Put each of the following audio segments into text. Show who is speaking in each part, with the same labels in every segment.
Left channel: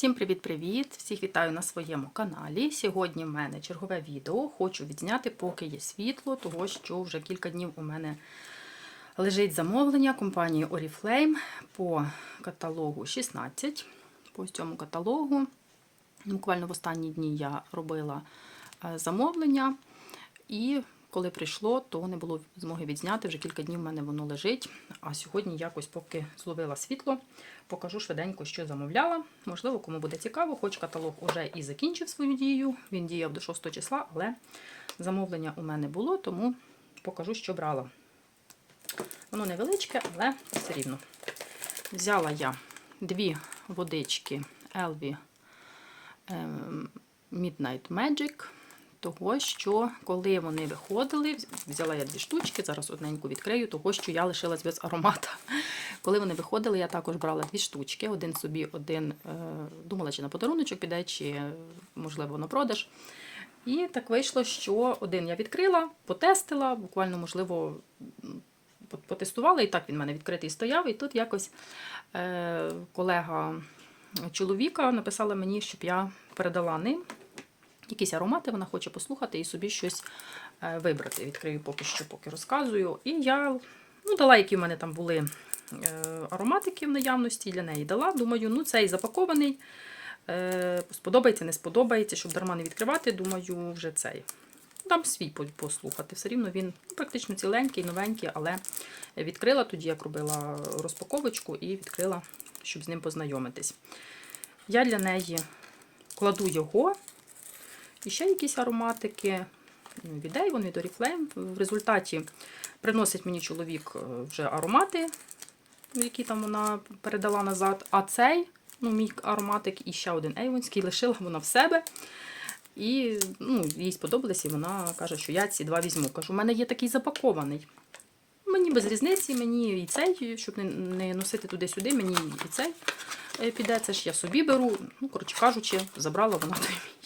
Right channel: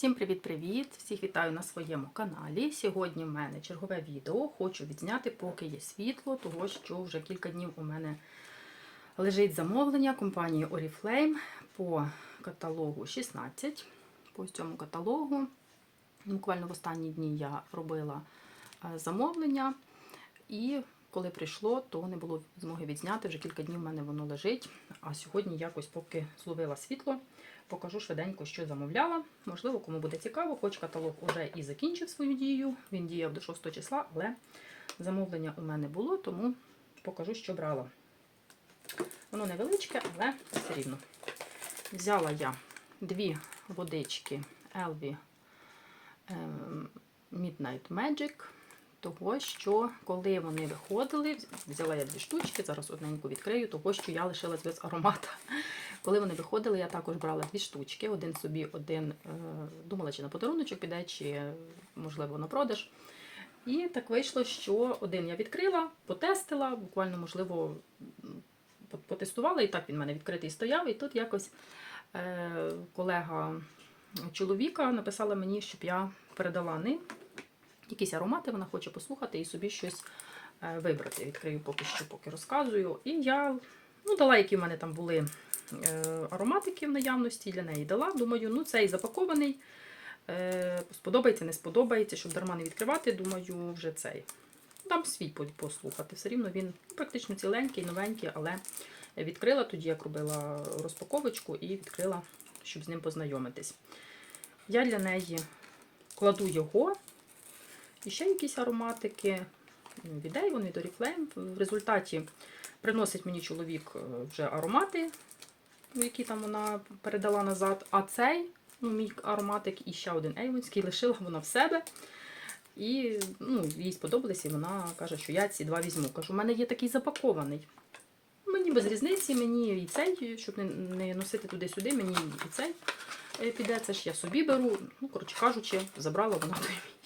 Speaker 1: Всім привіт-привіт! Всіх вітаю на своєму каналі. Сьогодні в мене чергове відео. Хочу відзняти, поки є світло, того що вже кілька днів у мене лежить замовлення компанії Oriflame по каталогу 16. По цьому каталогу. Буквально в останні дні я робила е, замовлення, і коли прийшло, то не було змоги відзняти. Вже кілька днів в мене воно лежить. А сьогодні якось, поки зловила світло, покажу швиденько, що замовляла. Можливо, кому буде цікаво, хоч каталог уже і закінчив свою дію. Він діяв до 6 числа, але замовлення у мене було, тому покажу, що брала. Воно невеличке, але все рівно. Взяла я дві водички Elvie ем, Midnight Magic. Того, що коли вони виходили, взяла я дві штучки, зараз одненьку відкрию, того, що я лишилась без аромата. Коли вони виходили, я також брала дві штучки, один собі, один е, думала, чи на подаруночок піде, чи, можливо, на продаж. І так вийшло, що один я відкрила, потестила, буквально, можливо, потестувала, і так він в мене відкритий стояв. І тут якось е, колега чоловіка написала мені, щоб я передала ним якісь аромати, вона хоче послухати і собі щось е, вибрати. Відкрию поки що, поки розказую. І я ну, дала, які в мене там були е, ароматики в наявності, для неї дала. Думаю, ну цей запакований. Е, сподобається, не сподобається, щоб дарма не відкривати, думаю, вже цей. Дам свій послухати. Все рівно він практично ціленький, новенький, але відкрила тоді, як робила розпаковочку, і відкрила, щоб з ним познайомитись. Я для неї кладу його. І ще якісь ароматики від Avon, від Oriflame. В результаті приносить мені чоловік вже аромати, які там вона передала назад. А цей, ну, мій ароматик і ще один Avonський, лишила вона в себе. І ну, їй сподобалось, і вона каже, що я ці два візьму. Кажу, у мене є такий запакований. Мені без різниці, мені і цей, щоб не носити туди-сюди, мені і цей піде. Це ж я собі беру. Ну, коротше кажучи, забрала вона той мій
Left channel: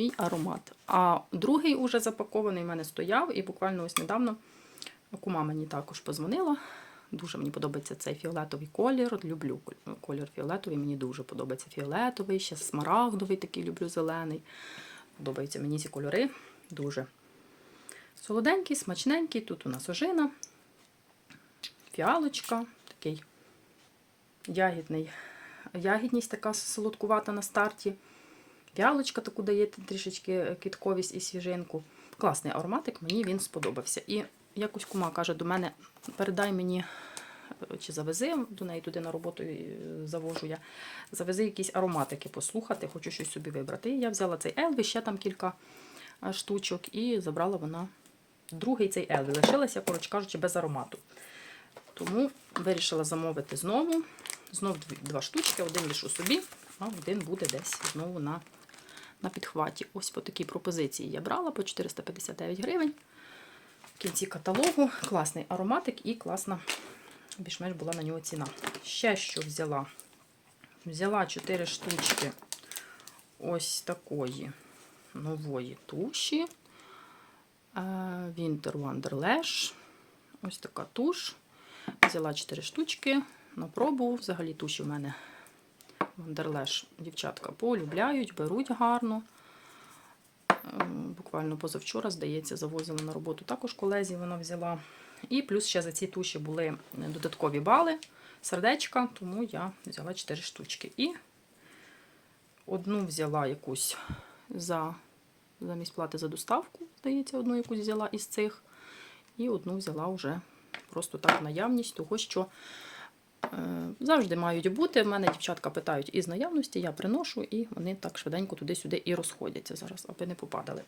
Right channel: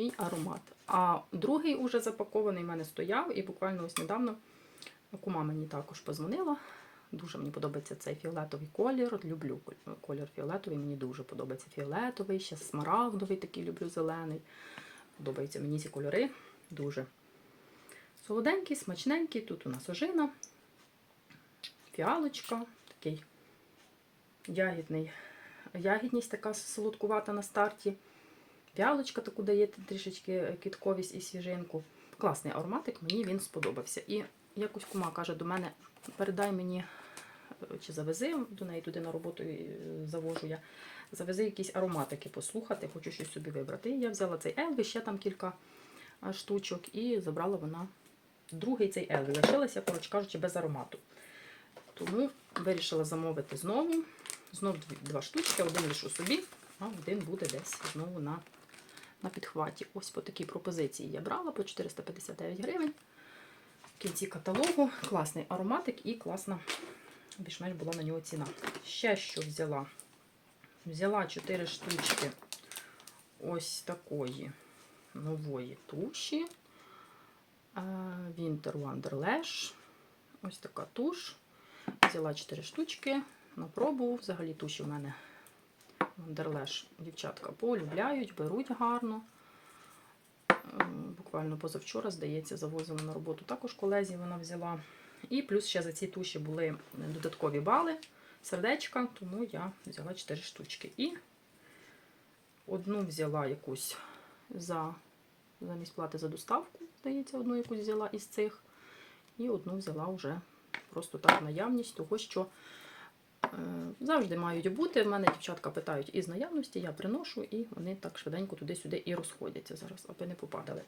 Speaker 1: мій аромат. А другий уже запакований в мене стояв, і буквально ось недавно кума мені також позвонила. Дуже мені подобається цей фіолетовий колір. Люблю колір фіолетовий, мені дуже подобається фіолетовий, ще смарагдовий такий люблю зелений. Подобаються мені ці кольори. Дуже солоденький, смачненький. Тут у нас ожина, фіалочка, такий ягідний, ягідність така солодкувата на старті. Вялочка таку дає трішечки квітковість і свіжинку. Класний ароматик, мені він сподобався. І якось кума каже до мене: передай мені, чи завези до неї туди на роботу завожу я, завези якісь ароматики послухати, хочу щось собі вибрати. І я взяла цей Елві, ще там кілька штучок, і забрала вона другий цей Елві. Лишилася, коротше кажучи, без аромату. Тому вирішила замовити знову. Знову два штучки, один лишу собі, а один буде десь знову на на підхваті. Ось по такій пропозиції я брала по 459 гривень. В кінці каталогу класний ароматик і класна, більш-менш була на нього ціна. Ще що взяла? Взяла 4 штучки ось такої нової туші. Е, Winter Wonderlash. Ось така туш. Взяла 4 штучки на пробу. Взагалі туші в мене Вандерлеш дівчатка полюбляють, беруть гарно. Буквально позавчора, здається, завозила на роботу також колезі вона взяла. І плюс ще за ці туші були додаткові бали, сердечка, тому я взяла 4 штучки. І одну взяла якусь за замість плати за доставку, здається, одну якусь взяла із цих. І одну взяла вже просто так наявність, того що завжди мають бути. В мене дівчатка питають із наявності, я приношу, і вони так швиденько туди-сюди і розходяться зараз, аби не попадали.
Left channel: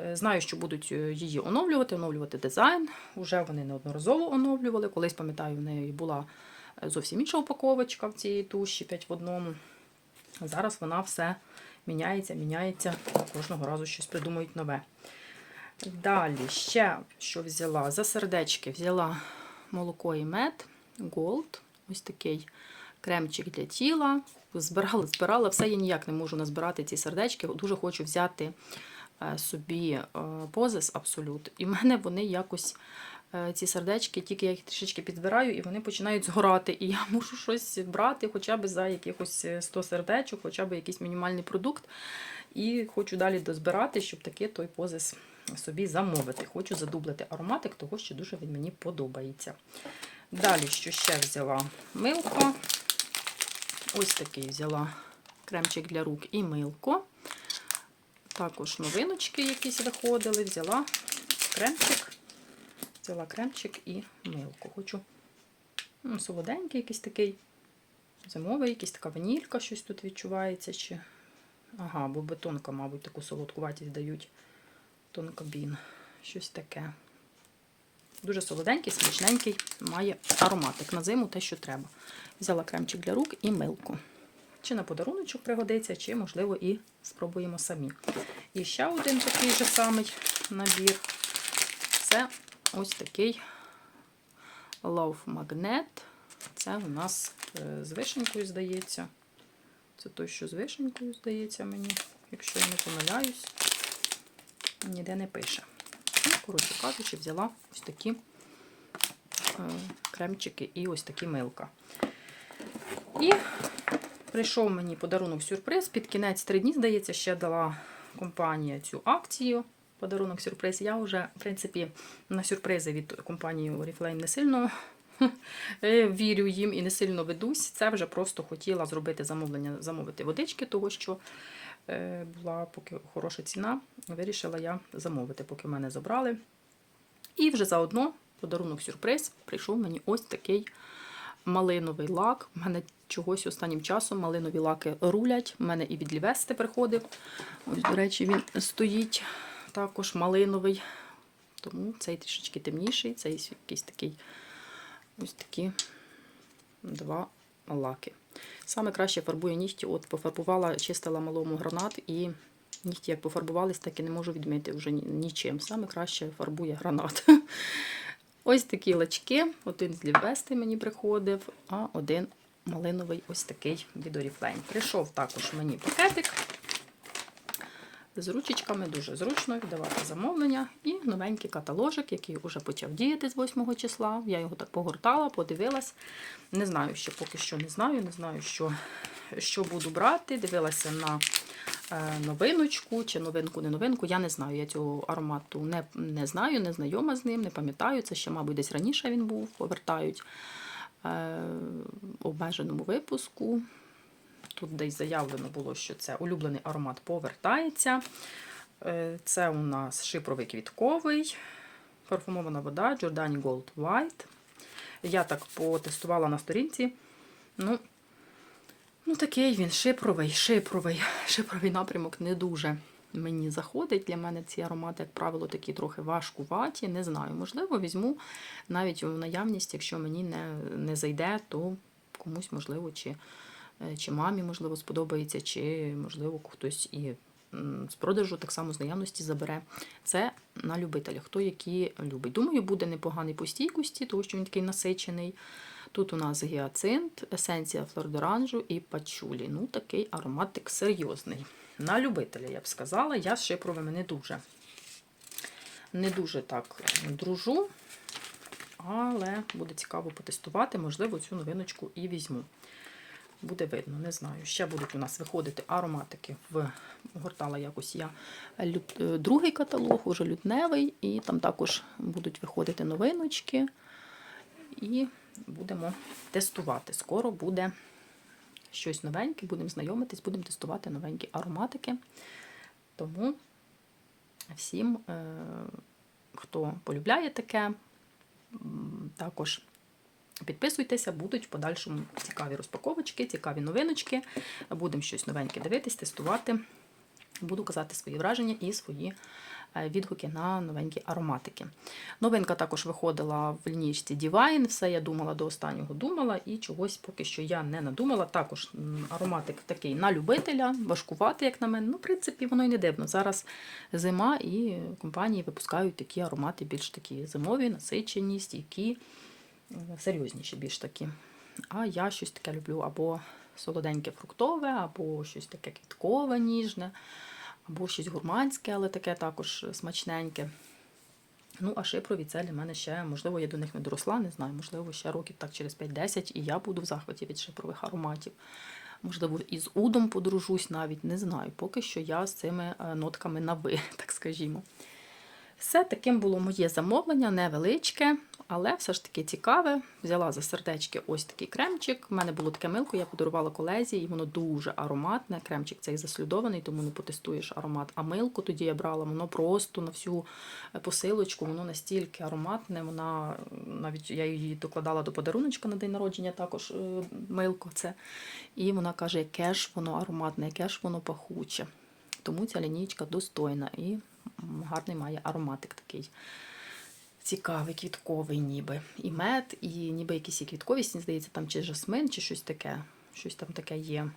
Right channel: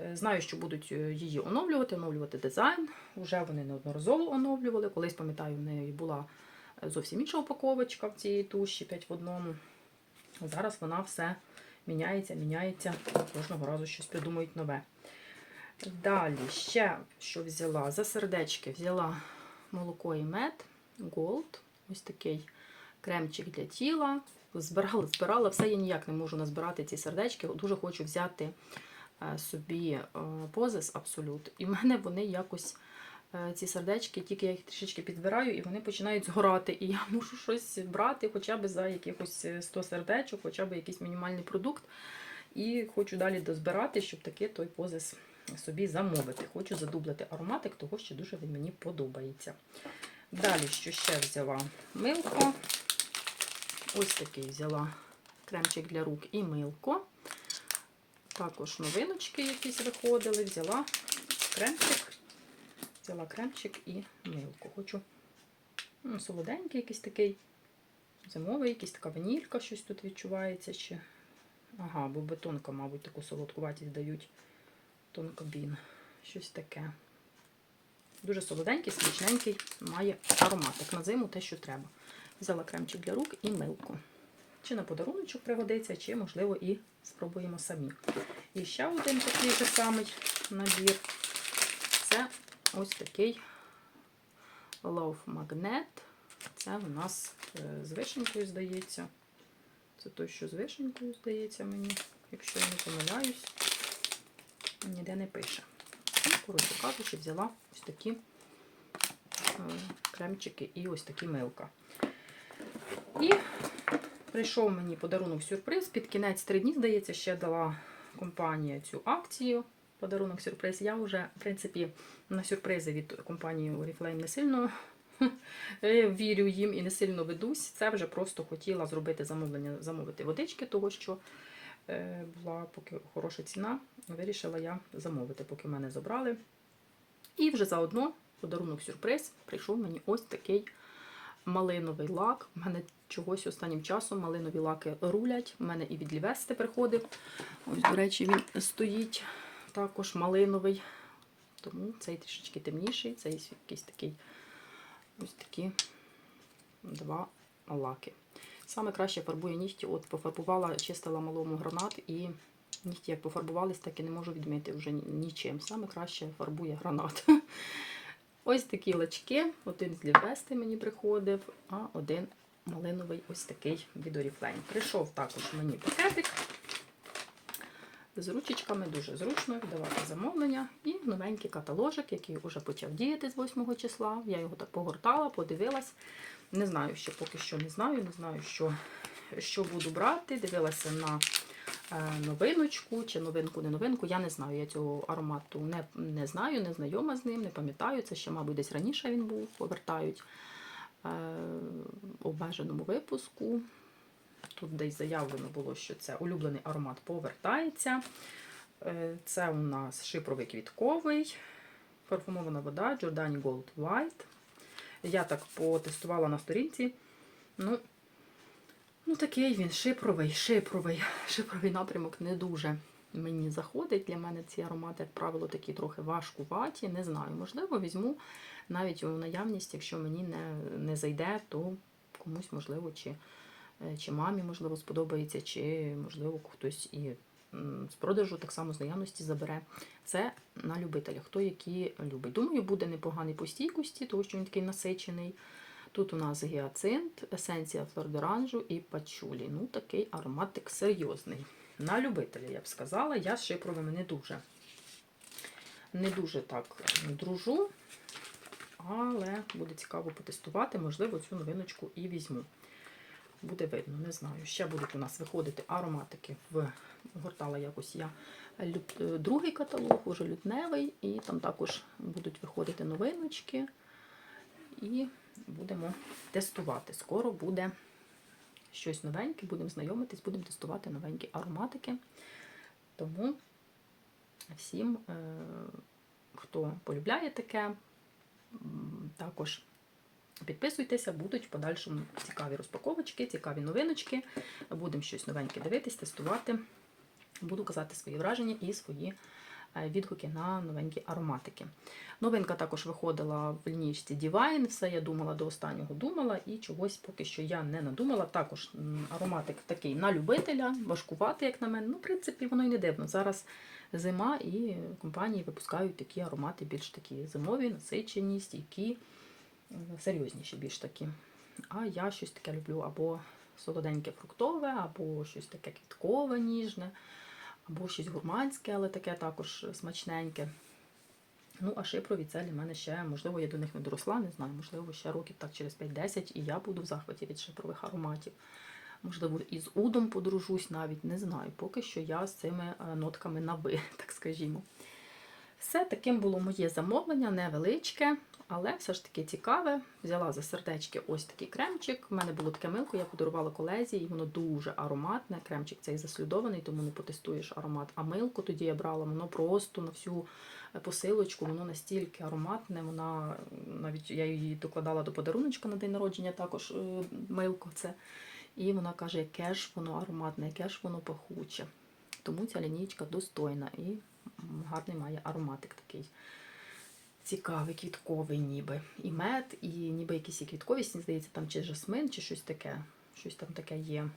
Speaker 1: Е, знаю, що будуть е, її оновлювати, оновлювати дизайн. Уже вони неодноразово оновлювали. Колись, пам'ятаю, в неї була зовсім інша упаковочка в цій туші 5 в одному. Зараз вона все міняється, міняється, кожного разу щось придумують нове. Далі, ще що взяла? За сердечки взяла молоко і мед Gold. Ось такий кремчик для тіла. Збирала, збирала, все я ніяк не можу назбирати ці сердечки. Дуже хочу взяти е, собі позис абсолют. І в мене вони якось е, ці сердечки, тільки я їх трішечки підбираю, і вони починають згорати. І я мушу щось брати, хоча б за якихось 100 сердечок, хоча б якийсь мінімальний продукт. І хочу далі дозбирати, щоб таки той позис собі замовити. Хочу задублити ароматик, того що дуже він мені подобається. Далі, що ще взяла? Милко. Ось такий взяла кремчик для рук і милко. Також новиночки якісь виходили. Взяла кремчик. Взяла кремчик і милко. Хочу ну, солоденький якийсь такий зимовий, якийсь така ванілька, щось тут відчувається. Чи... Ага, бо бетонка, мабуть, таку солодкуватість дають. Тонкобін. Щось таке. Дуже солоденький, смачненький, має ароматик на зиму те, що треба. Взяла кремчик для рук і милку. Чи на подаруночок пригодиться, чи, можливо, і спробуємо самі. І ще один такий же самий набір. Це ось такий Love Magnet. Це у нас е, з вишенькою, здається. Це той, що з вишенькою, здається мені, якщо я не помиляюсь, ніде не пише. Ну, коротше кажучи, взяла ось такі е, кремчики і ось такі милка. І прийшов мені подарунок сюрприз. Під кінець три дні, здається, ще дала компанія цю акцію. Подарунок сюрприз. Я вже, в принципі, на сюрпризи від компанії Oriflame не сильно вірю їм і не сильно ведусь. Це вже просто хотіла зробити замовлення, замовити водички, того що була поки хороша ціна. Вирішила я замовити, поки мене забрали. І вже заодно подарунок сюрприз прийшов мені ось такий малиновий лак. У мене чогось останнім часом малинові лаки рулять. У мене і від Лівести приходив. Ось, до речі, він стоїть також малиновий. Тому цей трішечки темніший, цей якийсь такий ось такі два лаки. Саме краще фарбує нігті. От пофарбувала, чистила малому гранат і нігті як пофарбувались, так і не можу відмити вже нічим. Саме краще фарбує гранат. Ось такі лачки. Один з Лівести мені приходив, а один малиновий ось такий від Oriflame. Прийшов також мені пакетик з ручечками, дуже зручно віддавати замовлення. І новенький каталожик, який вже почав діяти з 8 числа. Я його так погортала, подивилась. Не знаю, ще поки що не знаю, не знаю, що, що буду брати. Дивилася на е, новиночку чи новинку, не новинку. Я не знаю. Я цього аромату не, не знаю, не знайома з ним, не пам'ятаю. Це ще, мабуть, десь раніше він був, повертають е, в обмеженому випуску. Тут десь заявлено було, що це улюблений аромат повертається. Е, Це у нас шипровий квітковий, парфумована вода Giordani Gold White. Я так потестувала на сторінці. Ну, ну такий він шипровий, шипровий. Шипровий напрямок не дуже мені заходить. Для мене ці аромати, як правило, такі трохи важкуваті. Не знаю, можливо, візьму навіть у наявність, якщо мені не, не зайде, то комусь, можливо, чи чи мамі, можливо, сподобається, чи, можливо, хтось і з продажу так само з наявності забере. Це на любителя, хто які любить. Думаю, буде непоганий по стійкості, тому що він такий насичений. Тут у нас гіацинт, есенція флордоранжу і пачулі. Ну, такий ароматик серйозний. На любителя, я б сказала, я з шипровими не дуже. Не дуже так дружу, але буде цікаво потестувати, можливо, цю новиночку і візьму. Буде видно, не знаю. Ще будуть у нас виходити ароматики. В гортала якось я лют... е, другий каталог, уже лютневий, і там також будуть виходити новиночки. І будемо тестувати. Скоро буде щось новеньке, будемо знайомитись, будемо тестувати новенькі ароматики. Тому всім, е, хто полюбляє таке, також Підписуйтеся, будуть в подальшому цікаві розпаковочки, цікаві новиночки. Будемо щось новеньке дивитись, тестувати. Буду казати свої враження і свої е, відгуки на новенькі ароматики. Новинка також виходила в лінійці Divine. Все я думала до останнього думала, і чогось поки що я не надумала. Також ароматик такий на любителя, важкувати, як на мене. Ну, в принципі, воно і не дивно. Зараз зима і компанії випускають такі аромати, більш такі зимові, насичені, стійкі серйозніші більш такі. А я щось таке люблю або солоденьке фруктове, або щось таке квіткове, ніжне, або щось гурманське, але таке також смачненьке. Ну, а шипрові це для мене ще, можливо, я до них не доросла, не знаю, можливо, ще років так через 5-10, і я буду в захваті від шипрових ароматів. Можливо, із удом подружусь навіть, не знаю. Поки що я з цими е, нотками на ви, так скажімо. Все таким було моє замовлення, невеличке, але все ж таки цікаве. Взяла за сердечки ось такий кремчик. У мене було таке милко, я подарувала колезі, і воно дуже ароматне. Кремчик цей заслюдований, тому не потестуєш аромат. А милку тоді я брала, воно просто на всю посилочку, воно настільки ароматне. Вона навіть я її докладала до подаруночка на день народження, також е, милко це. І вона каже, яке ж воно ароматне, яке ж воно пахуче. Тому ця лінійка достойна і гарний має ароматик такий. Цікавий, квітковий, ніби. І мед, і ніби якісь і квітковість, здається, там чи жасмин, чи щось таке. Щось там таке є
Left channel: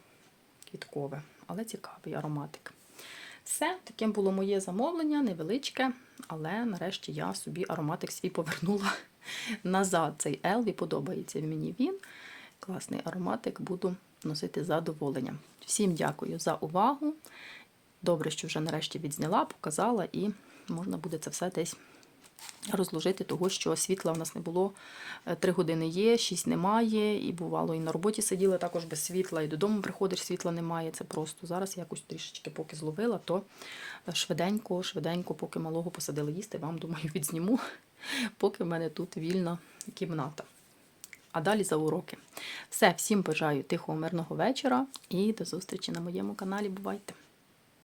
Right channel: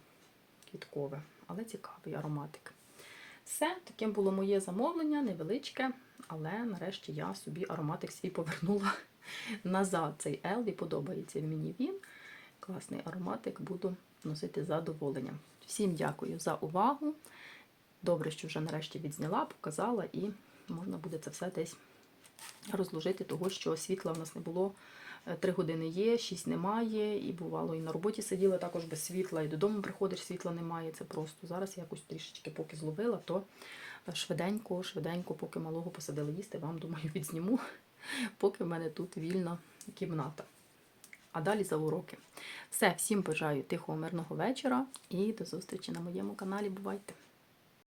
Speaker 1: квіткове, але цікавий ароматик. Все, таким було моє замовлення, невеличке, але нарешті я собі ароматик свій повернула назад. Цей Елві подобається мені він. Класний ароматик, буду носити з задоволенням. Всім дякую за увагу. Добре, що вже нарешті відзняла, показала, і можна буде це все десь розложити, того що світла в нас не було. Е, Три години є, шість немає, і бувало, і на роботі сиділа також без світла, і додому приходиш, світла немає. Це просто зараз якось трішечки поки зловила, то швиденько, швиденько, поки малого посадили їсти, вам думаю, відзніму, поки в мене тут вільна кімната. А далі за уроки. Все, всім бажаю тихого, мирного вечора і до зустрічі на моєму каналі. Бувайте!